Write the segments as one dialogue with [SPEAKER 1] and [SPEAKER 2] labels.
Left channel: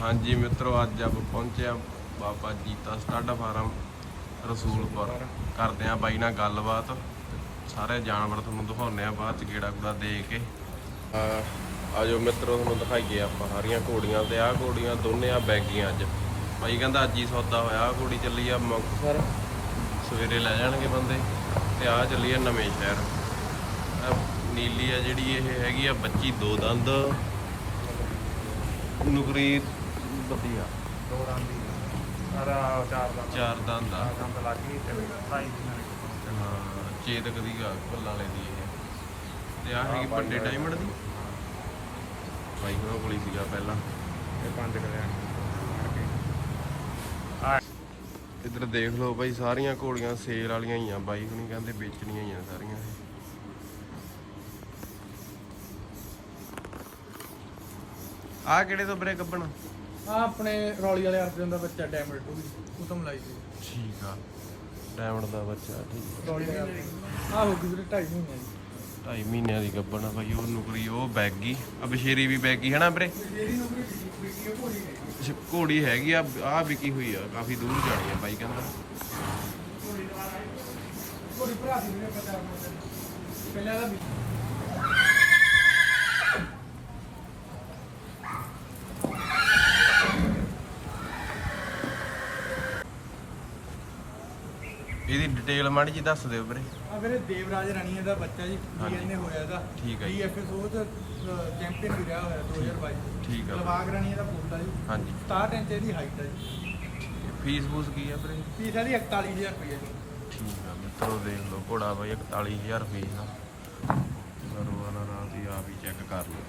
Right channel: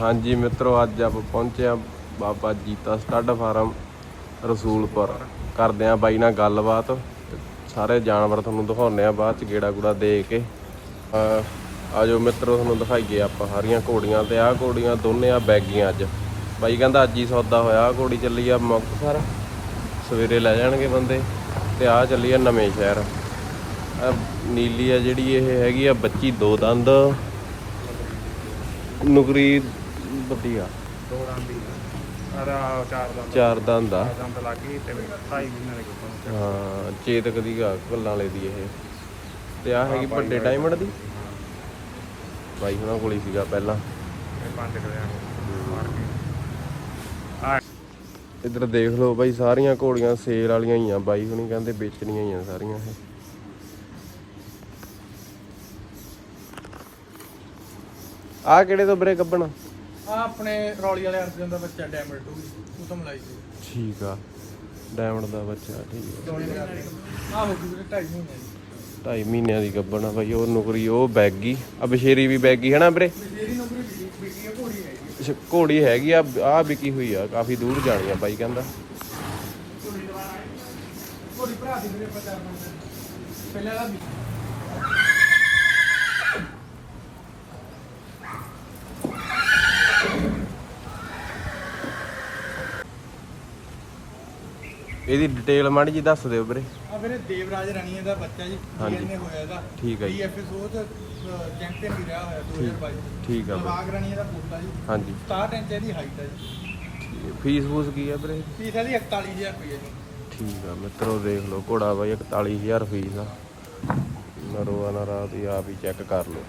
[SPEAKER 1] ਹਾਂਜੀ ਮਿੱਤਰੋ, ਅੱਜ ਆਪਾਂ ਪਹੁੰਚੇ ਆ ਬਾਬਾ ਜੀਤਾ ਸਟੱਡ ਫਾਰਮ ਰਸੂਲਪੁਰ। ਕਰਦੇ ਆ ਬਾਈ ਨਾਲ ਗੱਲਬਾਤ ਸਾਰੇ ਜਾਨਵਰ ਤੁਹਾਨੂੰ ਦਿਖਾਉਣੇ ਆ ਬਾਅਦ ਚ ਗੇੜਾ ਗੂੜਾ ਦੇ ਕੇ। ਅਹ ਆਜੋ ਮਿੱਤਰੋ, ਤੁਹਾਨੂੰ ਦਿਖਾਈਏ ਆਪਾਂ ਸਾਰੀਆਂ ਘੋੜੀਆਂ ਤੇ ਆਹ ਘੋੜੀਆਂ ਦੋਨੇ ਆ ਬੈਗੀਆਂ ਅੱਜ। ਬਾਈ ਕਹਿੰਦਾ ਅੱਜ ਹੀ ਸੌਦਾ ਹੋਇਆ, ਆਹ ਘੋੜੀ ਚੱਲੀ ਆ ਮੁਕਤਸਰ ਸਵੇਰੇ ਲੈ ਜਾਣਗੇ ਬੰਦੇ ਤੇ ਆਹ ਚੱਲੀ ਆ ਨਵੇਂ ਸ਼ਹਿਰ। ਨੀਲੀ ਆ ਜਿਹੜੀ ਇਹ ਹੈਗੀ ਆ ਬੱਚੀ ਦੋ ਦੰਦ। ਨੁਕਰੀ ਵਧੀਆ।
[SPEAKER 2] ਸਾਰਾ ਚਾਰ ਦਾ
[SPEAKER 1] ਚਾਰ ਦੰਦ ਆ।
[SPEAKER 2] ਦੰਦ ਲੱਗ ਗਈ ਤੇ ਭਾਈ ਜੀ ਨੇ ਕਿਹਾ
[SPEAKER 1] ਹਾਂ, ਚੇਤਕ ਦੀ ਗਾ ਗੱਲਾਂ ਵਾਲੇ ਦੀ ਇਹ। ਤੇ ਆ ਹੈਗੀ ਵੱਡੇ ਡਾਇਮੰਡ ਦੀ। ਬਾਈ ਹੁਣਾਂ ਕੋਲ ਹੀ ਸੀਗਾ ਪਹਿਲਾਂ। ਇੱਧਰ ਦੇਖ ਲਓ ਬਾਈ, ਸਾਰੀਆਂ ਘੋੜੀਆਂ ਸੇਲ ਵਾਲੀਆਂ ਹੀ ਆ। ਬਾਈ ਹੁਣੀ ਕਹਿੰਦੇ ਵੇਚਣੀਆਂ ਹੀ ਆ ਸਾਰੀਆਂ ਇਹ। ਆ ਕਿਹੜੇ ਤੋਂ ਬਰੇ ਕੱਢਣਾ
[SPEAKER 2] ਆ ਆਪਣੇ ਰੌਲੀ ਵਾਲੇ ਹੱਥ ਦਾ ਬੱਚਾ ਡੈਮੇਜ ਹੋ ਗਈ ਉਹ ਤਾਂ ਮਲਾਈ ਸੀ।
[SPEAKER 1] ਠੀਕ ਆ। ਡਾਇਮੰਡ ਦਾ ਬੱਚਾ ਠੀਕ ਆ।
[SPEAKER 2] ਰੌਲੀ ਵਾਲੇ ਆ ਹੋ ਗਈ ਢਾਈ ਮਹੀਨੇ
[SPEAKER 1] ਢਾਈ ਮਹੀਨਿਆਂ ਦੀ ਗੱਬਣ ਆ ਬਾਈ ਉਹ ਨੁਕਰੀ ਉਹ ਬੈਗੀ। ਆ ਬਸ਼ੇਰੀ ਵੀ ਬੈਗੀ ਹੈ ਨਾ ਵੀਰੇ?
[SPEAKER 2] ਮੇਰੀ ਨੌਕਰੀ ਵੀਡੀਓ ਘੋੜੀ ਹੈ
[SPEAKER 1] ਅੱਛਾ, ਘੋੜੀ ਹੈਗੀ ਆ ਆ ਵਿਕੀ ਹੋਈ ਆ ਕਾਫੀ ਦੂਰ ਜਾਣੀ ਆ ਬਾਈ ਕਹਿੰਦਾ।
[SPEAKER 2] ਘੋੜੀ ਭਰਾ ਦੀ ਵੀਡੀਓ ਪਤਾ ਪਹਿਲੇ ਵਾਲਾ
[SPEAKER 1] ਇਹਦੀ ਡਿਟੇਲ ਮਾੜੀ ਜੀ ਦੱਸ ਦਿਓ ਵੀਰੇ।
[SPEAKER 2] ਆ ਵੀਰੇ ਦੇਵਰਾਜ ਰਣੀਏ ਦਾ ਬੱਚਾ ਜੀ
[SPEAKER 1] ਹਾਂਜੀ।
[SPEAKER 2] ਡੀਐਨਏ ਹੋਇਆ ਇਹਦਾ।
[SPEAKER 1] ਠੀਕ ਹੈ ਜੀ।
[SPEAKER 2] ਡੀਐਫਐਸ ਉਹ ਚ ਚੈਂਪੀਅਨ ਵੀ ਰਿਹਾ ਹੋਇਆ 2022
[SPEAKER 1] ਠੀਕ ਆ।
[SPEAKER 2] ਲਵਾਗ ਰਣੀਏ ਦਾ ਪੁੱਤ ਆ ਜੀ।
[SPEAKER 1] ਹਾਂਜੀ।
[SPEAKER 2] 67 ਇੰਚ ਇਹਦੀ ਹਾਈਟ ਆ ਜੀ।
[SPEAKER 1] ਫੀਸ ਫੂਸ ਕੀ ਆ ਵੀਰੇ?
[SPEAKER 2] ਫੀਸ ਇਹਦੀ 41000 ਰੁਪਏ ਜੀ।
[SPEAKER 1] ਠੀਕ ਆ ਮਿੱਤਰੋ ਦੇਖ ਲਓ ਘੋੜਾ ਬਾਈ 41000 ਫੀਸ ਆ। ਨਰੋ ਆ ਨਾ ਰਾਤ ਹੀ ਆਪ ਹੀ ਚੈੱਕ ਕਰ ਲਓ।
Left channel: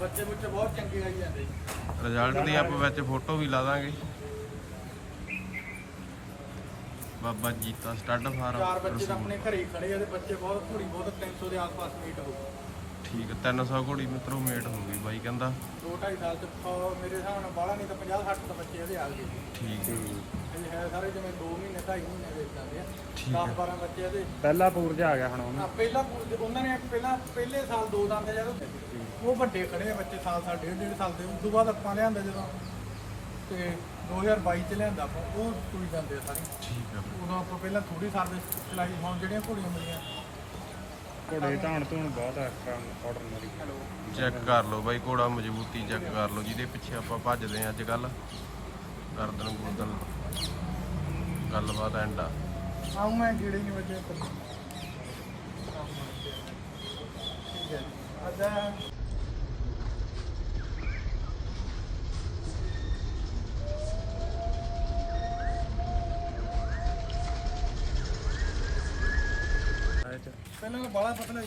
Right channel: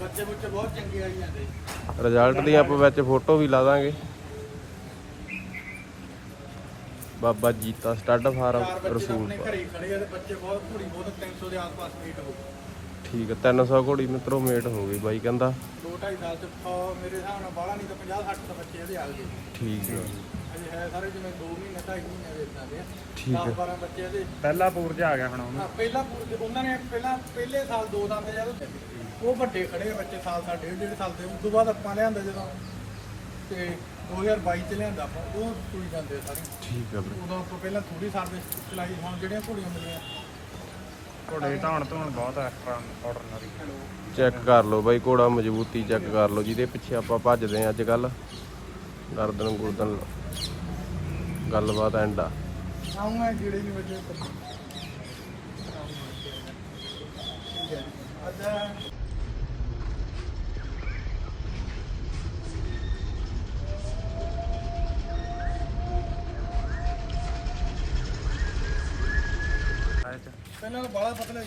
[SPEAKER 2] ਬੱਚੇ ਬੁੱਚੇ ਬਹੁਤ ਚੰਗੇ ਆਈ ਜਾਂਦੇ ਜੀ
[SPEAKER 1] ਰਿਜ਼ਲਟ ਦੀ ਆਪਾਂ ਵਿੱਚ ਫੋਟੋ ਵੀ ਲਾ ਦਾਂਗੇ। ਬਾਬਾ ਜੀਤਾ ਸਟੱਡ
[SPEAKER 2] ਚਾਰ
[SPEAKER 1] ਫਾਰਮ
[SPEAKER 2] ਬੱਚੇ ਤਾਂ ਆਪਣੇ
[SPEAKER 1] ਰਸੂਲ
[SPEAKER 2] ਘਰੇ ਹੀ ਖੜੇ ਆ ਤੇ ਬੱਚੇ ਬਹੁਤ ਘੋੜੀ ਬਹੁਤ 300 ਦੇ ਆਸ-ਪਾਸ ਮੀਟ ਹੋ
[SPEAKER 1] ਠੀਕ ਆ 300 ਘੋੜੀ ਮਿੱਤਰੋ ਮੇਟ ਹੋ ਗਈ ਬਾਈ ਕਹਿੰਦਾ।
[SPEAKER 2] 2.5 ਸਾਲ ਚ ਅਹ ਮੇਰੇ ਹਿਸਾਬ ਨਾਲ ਬਾਹਲਾ ਨਹੀਂ ਤਾਂ 50 60 ਤਾਂ ਬੱਚੇ ਇਹਦੇ ਆ ਗਏ।
[SPEAKER 1] ਠੀਕ ਆ।
[SPEAKER 2] ਇਹ ਹੈ ਸਾਰੇ ਜਿਵੇਂ 2 ਮਹੀਨੇ 2.5 ਮਹੀਨੇ ਦੇ ਜਾਂਦੇ ਆ।
[SPEAKER 1] ਠੀਕ ਹੈ।
[SPEAKER 2] 10 12 ਬੱਚੇ ਇਹਦੇ।
[SPEAKER 3] ਪਹਿਲਾ ਪੂਰਜ ਆ ਗਿਆ ਹੁਣ
[SPEAKER 2] ਹਾਂ ਪਹਿਲਾ ਪੂਰ- ਉਹਨਾਂ ਨੇ ਪਹਿਲਾਂ ਪਹਿਲੇ ਸਾਲ ਦੋ ਦੰਦ ਜਦੋਂ ਉਹ ਵੱਡੇ ਖੜੇ ਆ ਬੱਚੇ ਸਾਲ ਸਾਲ ਡੇਢ ਡੇਢ ਸਾਲ ਦੇ। ਉਸ ਤੋਂ ਬਾਅਦ ਆਪਾਂ ਲਿਆਂਦਾ ਜਦੋਂ। ਤੇ 2022 ਚ ਲਿਆਂਦਾ ਆਪਾਂ ਉਹ ਸੂਈ ਜਾਂਦੇ ਆ ਸਾਰੇ।
[SPEAKER 1] ਠੀਕ ਆ ਵੀਰੇ।
[SPEAKER 2] ਉਦੋਂ ਆਪਾਂ ਪਹਿਲਾਂ ਥੋੜੀ ਸਰਵਿਸ ਚਲਾਈ ਹੁਣ ਜਿਹੜੀਆਂ ਘੋੜੀਆਂ ਮਿਲੀਆਂ।
[SPEAKER 3] ਕੁੜੀ ਧੌਣ ਧੌਣ ਬਹੁਤ ਆ ਪਾਊਡਰ ਨਾਲ
[SPEAKER 1] ਚੈੱਕ ਕਰ ਲਓ ਬਾਈ ਘੋੜਾ ਮਜ਼ਬੂਤੀ ਚੈੱਕ ਕਰ ਲਓ ਜਿਹਦੇ ਪਿੱਛੇ ਆਪਾਂ ਭੱਜਦੇ ਆ ਅੱਜ ਕੱਲ ਗਰਦਨ ਗੁਰਦਨ ਗੱਲਬਾਤ ਐਂਡ ਆ।
[SPEAKER 2] ਆਉਂ ਮੈਂ ਜਿਹੜੇ ਨਹੀਂ ਵਜੇ ਠੀਕ ਹੈ। ਅੱਜ ਪਹਿਲਾਂ ਬਾਲਾ ਪਤਲਾ ਹੀ।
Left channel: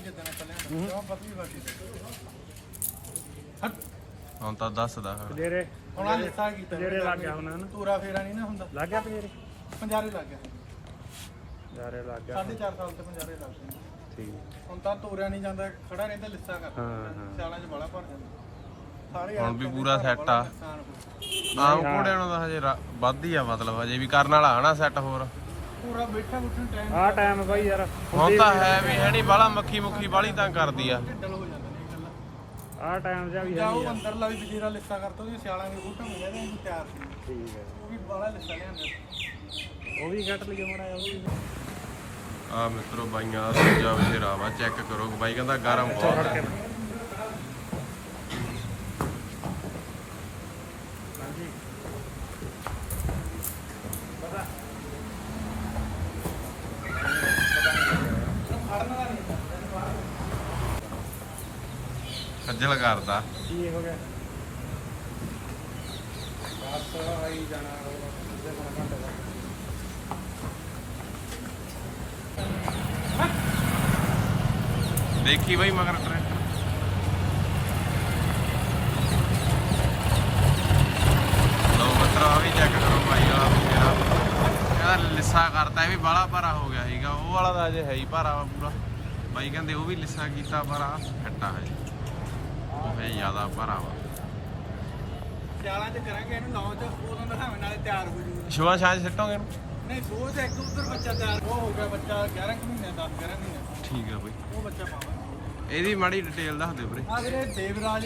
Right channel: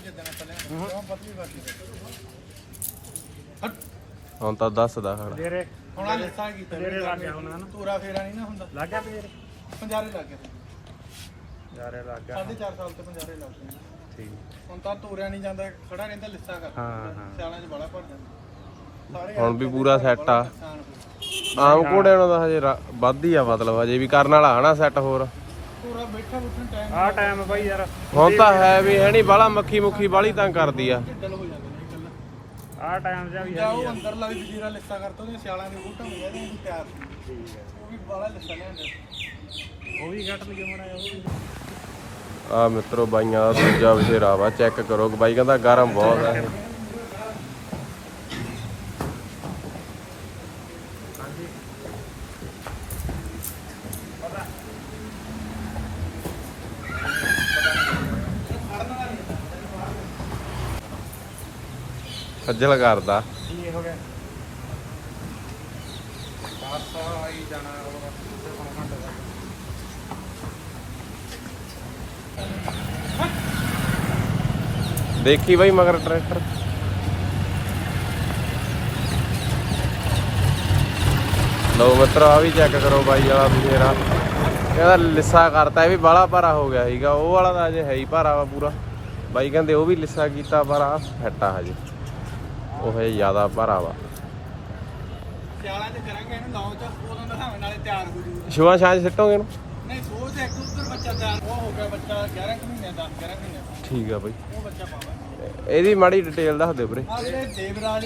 [SPEAKER 2] ਪਤਲੀ ਹਟ।
[SPEAKER 1] ਹੁਣ ਤਾਂ ਦੱਸਦਾ ਖੜਾ
[SPEAKER 3] ਜਿਹੜੇ
[SPEAKER 2] ਹੁਣ ਆ ਲਿਸਾ ਕੀਤਾ
[SPEAKER 3] ਜਿਹੜੇ ਲੱਗ ਗਿਆ ਉਹਨਾਂ ਨੂੰ।
[SPEAKER 2] ਪੂਰਾ ਫੇਰਾ ਨਹੀਂ ਨਾ ਹੁੰਦਾ।
[SPEAKER 3] ਲੱਗ ਗਿਆ ਤੇਰੇ
[SPEAKER 2] ਪੰਜਾਰੇ ਲੱਗ ਗਿਆ
[SPEAKER 3] ਯਾਰੇ ਲੱਗ ਗਿਆ
[SPEAKER 2] ਸਾਢੇ ਚਾਰ ਸਾਲ ਤੇ ਪੰਜਾਰੇ ਲੱਗ ਗਏ ਹੁਣ ਤਾਂ ਤੋਰਿਆ ਨਹੀਂ ਜਾਂਦਾ ਖੜਾ ਰਹਿੰਦਾ ਲਿੱਸਾ ਕਰਦਾ ਸਿਆਲਾਂ 'ਚ ਬੜਾ ਭਰ ਜਾਂਦਾ। ਸਾਰੇ
[SPEAKER 1] ਹੁਣ ਵੀ ਪੂਰਾ set ਆ। ਆਮ ਘੋੜਿਆਂ ਨੂੰ ਤਾਂ ਹਜੇ ਵੱਧ ਹੀ ਆ ਮਤਲਬ ਹਜੇ ਵੀ ਕਰਨ ਵਾਲਾ ਹਨਾ ਸੈੱਟ ਹੋਰ।
[SPEAKER 2] ਪੂਰਾ ਬੈਠਾ ਬੁੱਠਣ ਟਾਈਮ
[SPEAKER 3] ਆ ਟਾਈਮ ਬਈ ਯਾਰ।
[SPEAKER 1] ਹੁਣ ਤਾਂ ਹੈ ਵੀ ਹੈ ਨਹੀਂ ਬਾਲਾ ਮੱਖੀ ਮੁੱਖੀ ਬਾਲੀ ਤੰਗ ਕਰਦੀ ਆ।
[SPEAKER 2] ਢਿੱਡਲ ਹੋ ਜਾਂਦਾ ਨਹੀਂ ਇਕੱਲਾ
[SPEAKER 3] ਆ ਟਾਈਮ ਜਾਂ ਵੀ
[SPEAKER 2] ਜਾਂ ਉਹ ਅੰਦਰਲਾ ਵੀ ਜੀਰਾ ਲਿੱਸਾ ਕਰਤਾ ਉਹਦੀ ਸਿਆਲਾਂ ਦੇ ਬੂਟਾ ਹੋ ਜਾਂਦਾ ਉਹ ਤਿਆਰ ਸੀ।
[SPEAKER 3] ਠੀਕ ਹੈ।
[SPEAKER 2] ਉਹ ਵੀ ਬਾਲਾ ਲਿੱਸਾ ਲਿਆਂਦਾ।
[SPEAKER 3] ਉਹ ਵੀ ਕੱਟ ਲਈ ਮੇਰਾ ਉਹ ਵੀ
[SPEAKER 1] ਆ ਮਿੱਤਰੋ ਬਾਈਆਂ ਦਾ ਦੂਜਾ ਬਸ਼ੇਰਾ ਵਾ ਚੈੱਕ ਕਰੋ ਬਾਈ ਕਹਿੰਦਾ ਗਰਮ ਬਹੁਤ ਹੈ ਖੱਜਲ ਕਰਦਾ ਦੇਖੀ ਬਾਈ ਮਗਰ ਟਰੈਕਟਰ। ਲੋ ਮਿੱਤਰ ਆ ਵੀ ਚੈੱਕ ਕਰੋ ਬਾਈ ਆ ਮੇਰਾ। ਇਹਦਾ ਲਿੱਸਾ ਕਰਤਾ, ਇਹ ਵੀ ਬਾਲਾ ਭਾਰਾ ਹੋ ਗਿਆ ਸੀਗਾ। ਉਹ ਵਾਲਾ ਤਾਂ ਅਜੇ ਹੈ ਹੀ ਭਾਰਾ ਵਾ ਪੂਰਾ। ਬਾਈ ਕਹਿੰਦੇ ਉਹ ਵੀ ਲਿੱਸਾ ਕੀਤਾ, ਪਰ ਆ ਫੱਟਾ ਹਜੇ। ਉਹ ਹੈ ਜ਼ਿਆਦਾ ਭਾਰਾ ਵਾ।
[SPEAKER 2] ਸਿਆਲਾਂ 'ਚ ਕਰਾਂਗੇ ਇਹਨੂੰ ਲਾਂਚ ਉਦੋਂ ਦਿਖਾਵੇਂ ਨਾਲੇ ਤਿਆਰ ਹੋ ਜੂ
[SPEAKER 1] ਸ਼ੁਭਾ ਸ਼ਾਂਜ ਸਿੱਟੋਗੇ ਇਹਨੂੰ?
[SPEAKER 2] ਨਹੀਂ ਸੋਚ ਇੱਕ ਉਧਰ ਬੱਚਾ ਤਿਆਰ ਉਹ ਹੋ ਗਿਆ ਬੱਚਾ 11 ਕੁ ਮਹੀਨੇ ਦਾ 11 ਮਹੀਨੇ ਦਾ।
[SPEAKER 1] ਠੀਕ ਆ ਬਾਈ।
[SPEAKER 2] ਉਹ ਬੱਚਾ ਪਾਵਾਂਗੇ।
[SPEAKER 1] ਇਹਦੀ ਮਾੜੀ ਡਿਟੇਲ ਦੱਸ ਦਿਓ ਵੀਰੇ।
[SPEAKER 2] ਆ ਵੀਰੇ ਦੇਵਰਾਜ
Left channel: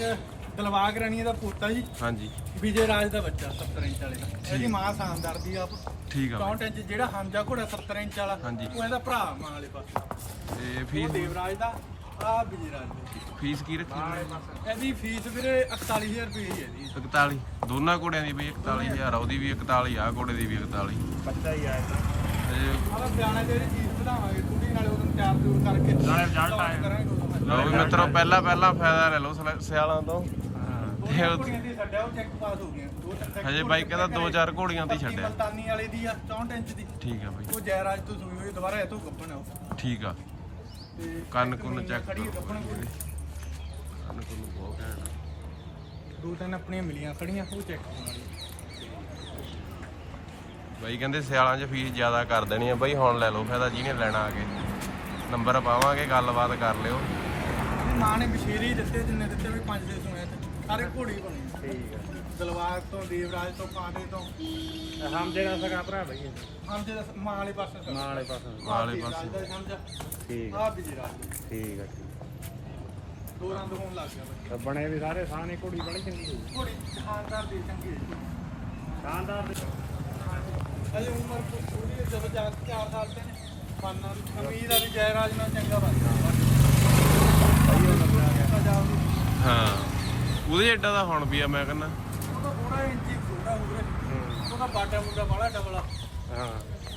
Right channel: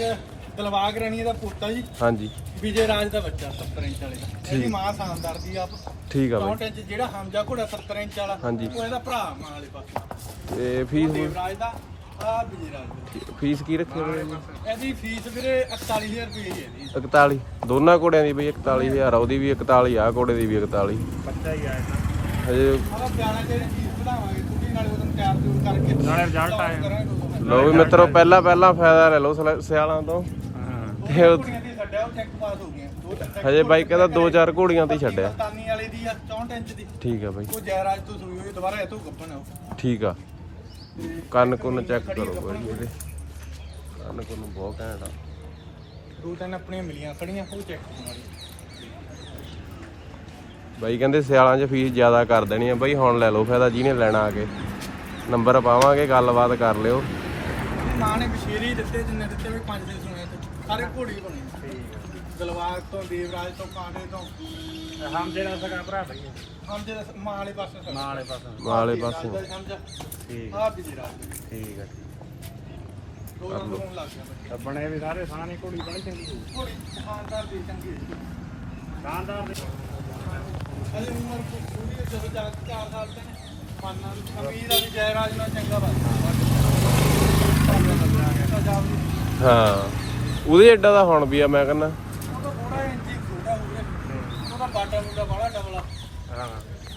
[SPEAKER 2] ਦਲਵਾਗ ਰਣੀ ਦਾ ਪੋਤਾ ਜੀ
[SPEAKER 1] ਹਾਂਜੀ।
[SPEAKER 2] ਵਿਜੇ ਰਾਜ ਦਾ ਬੱਚਾ 70 ਇੰਚ ਵਾਲੇ ਦਾ। ਇਹਦੀ ਮਾਂ ਸ਼ਾਨਦਾਰ ਦੀ ਆਪ।
[SPEAKER 1] ਠੀਕ ਆ ਬਾਈ।
[SPEAKER 2] 64 ਇੰਚ ਜਿਹੜਾ ਹਮਜਾ ਘੋੜਾ 70 ਇੰਚ ਵਾਲਾ। ਉਹ ਇਹਦਾ ਭਰਾ ਮਾਂ ਵਾਲੇ ਪਾਸੇ।
[SPEAKER 1] ਤੇ ਫੀਸ
[SPEAKER 2] ਦੇਵਰਾਜ ਦਾ ਆ
[SPEAKER 1] ਫੀਸ ਕੀ ਰੱਖੀ ਵੀਰੇ
[SPEAKER 2] ਇਹਦੀ ਫੀਸ ਵੀਰੇ 41000 ਰੁਪਏ ਹੀ ਹੈ ਜੀ।
[SPEAKER 1] 41 ਦੋਨਾਂ ਘੋੜਿਆਂ ਦੀ ਬਈ 41000 ਆ ਉਹਦੀ ਵੀ 41 ਆ ਘੋੜੇ ਦੀ ਵੀ 41
[SPEAKER 2] ਬੱਚਾ ਹੀ ਆਇਆ
[SPEAKER 1] ਹਜੇ
[SPEAKER 2] ਆਹ ਬਿਆਨਾ ਜਿਹੜੀ ਫੀਸ ਵਧਾਵਾਂਗੇ ਥੋੜੀ ਨਾਲੇ ਉਹਨੂੰ ਤਿਆਰ ਤਿਉਰ ਕਰਕੇ
[SPEAKER 3] ਨਾਲੇ।
[SPEAKER 2] ਕਰਾਂਗੇ ਉਦੋਂ
[SPEAKER 1] ਲਓ ਵੀ ਮਿੱਤਰੋ ਪਹਿਲਾਂ ਪਹਿਲਾਂ ਫਾਇਦਾ ਲੈ ਲਓ ਸਿਆਲਾਂ ਤੋਂ।
[SPEAKER 2] ਤੇ ਉਹ ਕੁੜੀਆਂ ਦੀ ਛੱਡਿਆ ਉਹ ਚੈੱਕ ਪਾਸ ਹੋ ਗਈਆਂ। ਦੋ
[SPEAKER 1] ਹਜੇ ਬਾਈ ਕਹਿੰਦਾ ਦੋ ਚਾਰ ਘੋੜੀਆਂ ਤੇ ਹੀ ਛੱਡਿਆ।
[SPEAKER 2] ਮਲਤਾਨੀ ਵਾਲੇ ਦੀ ਆ 64 ਇੰਚ ਦੀ।
[SPEAKER 1] ਠੀਕ ਆ ਬਾਈ।
[SPEAKER 2] ਉਹ ਜੈਰਾਜ ਤੋਂ ਸੂਈ ਹੋਈ ਦੁਬਾਰਾ ਇਹ ਤੋਂ ਗੱਬਣ ਆ ਉਹ।
[SPEAKER 1] ਠੀਕ ਆ। ਕੰਨ ਕੁੰਨ ਚੈੱਕ ਕਰੋ ਬਾਈ ਇਹਦੇ ਕੰਨ ਕੁੰਨ ਬਹੁਤ ਘੈਂਟ ਆ।
[SPEAKER 2] ਦੋ ਤਿੰਨ ਆਪਣੀਆਂ ਮਿਲੀਆਂ ਖੜੀਆਂ ਉਹ ਚੈੱਕ ਹੋਣ ਵਾਲੀ।
[SPEAKER 1] ਬਾਈ ਕਹਿੰਦੇ ਸਿਆਲਾਂ 'ਚ ਫੀਸ ਜ਼ਿਆਦਾ ਕਰ ਦੇਣੀ ਆ। ਬਾਈ ਹੁਣ ਲੈ ਲਓ ਫਾਇਦਾ ਜਿਹਨੇ ਲੈਣਾ ਆ ਕੇ। ਨੰਬਰ ਪਾਵਾਂਗੇ ਗੱਲਬਾਤ ਕਰ ਲਿਓ।
[SPEAKER 2] ਮਾਂ ਨੇ ਬਸ਼ੀਰੀ ਦਿੱਤੇ ਜਿੰਨੇ ਦਿੱਤੇ ਵੀ ਪੰਜ ਦੇ ਸੁਣੇ ਸਾਰੇ ਘੋੜੀ ਬਣੀ ਦਲਵਾਗ ਤੋਂ ਦੇਵਰਾਜ ਤੋਂ ਕਾਂਟੇ ਤੋਂ।
[SPEAKER 3] ਹਮਦੇ ਦਾ ਸੀਗਾ ਭਰਾ ਲੱਗੀ
[SPEAKER 2] ਹਮ ਦੇ ਮਾਂ ਵਾਲੇ ਪਾਸੇ ਮਾਂ ਵਾਲੇ ਪਾਸੇ।
[SPEAKER 1] ਵਾਲੇ ਪਾਸੇ।
[SPEAKER 2] ਸਮਝ
[SPEAKER 3] ਠੀਕ।
[SPEAKER 2] ਆ ਵੀ ਰਾਜ। ਦੇ।
[SPEAKER 3] ਠੀਕ ਹੈ।
[SPEAKER 2] ਦੋ ਰੰਗ ਹੋਣ ਲੱਗ ਗਿਆ ਬੱਚਾ।
[SPEAKER 3] ਬਣੇ ਵੀ ਸਾਰੇ ਸਾਹਣੇ ਘੋੜੀ ਬੜੀ ਚੰਗੀ ਹੋਈ
[SPEAKER 2] ਘੋੜੀ ਸ਼ਾਨਦਾਰ ਦੀ ਚੰਗੀ
[SPEAKER 3] ਸ਼ਾਨਦਾਰ ਦੇ
[SPEAKER 2] ਹਲੇ ਉਮਰ ਕੋ ਥੋੜੀ ਹੈ ਜਦੋਂ ਜਾ ਕੇ 4 ਸਾਲ ਤੇ ਮਾਨਾ ਦੀ ਅਮੀਰ ਆ ਵੀ ਜੈਰਾਜ ਨਾਲ ਚੰਗਾ ਬਾਤ
[SPEAKER 1] ਹਾਂ। ਉਹਦੇ ਏਡਾ ਦਾ ਹੁਣ ਵੀ ਆ, ਮੈਂ ਕਹਿੰਦਾ।
[SPEAKER 2] ਉਹਦਾ ਥੋੜਾ ਇੰਚੀ ਖੁੱਡਾ ਹੋਵੇ। ਉਹਦਾ ਬਾਟਾ ਮੁੰਡਾ ਬੜਾ ਡਬਲਾ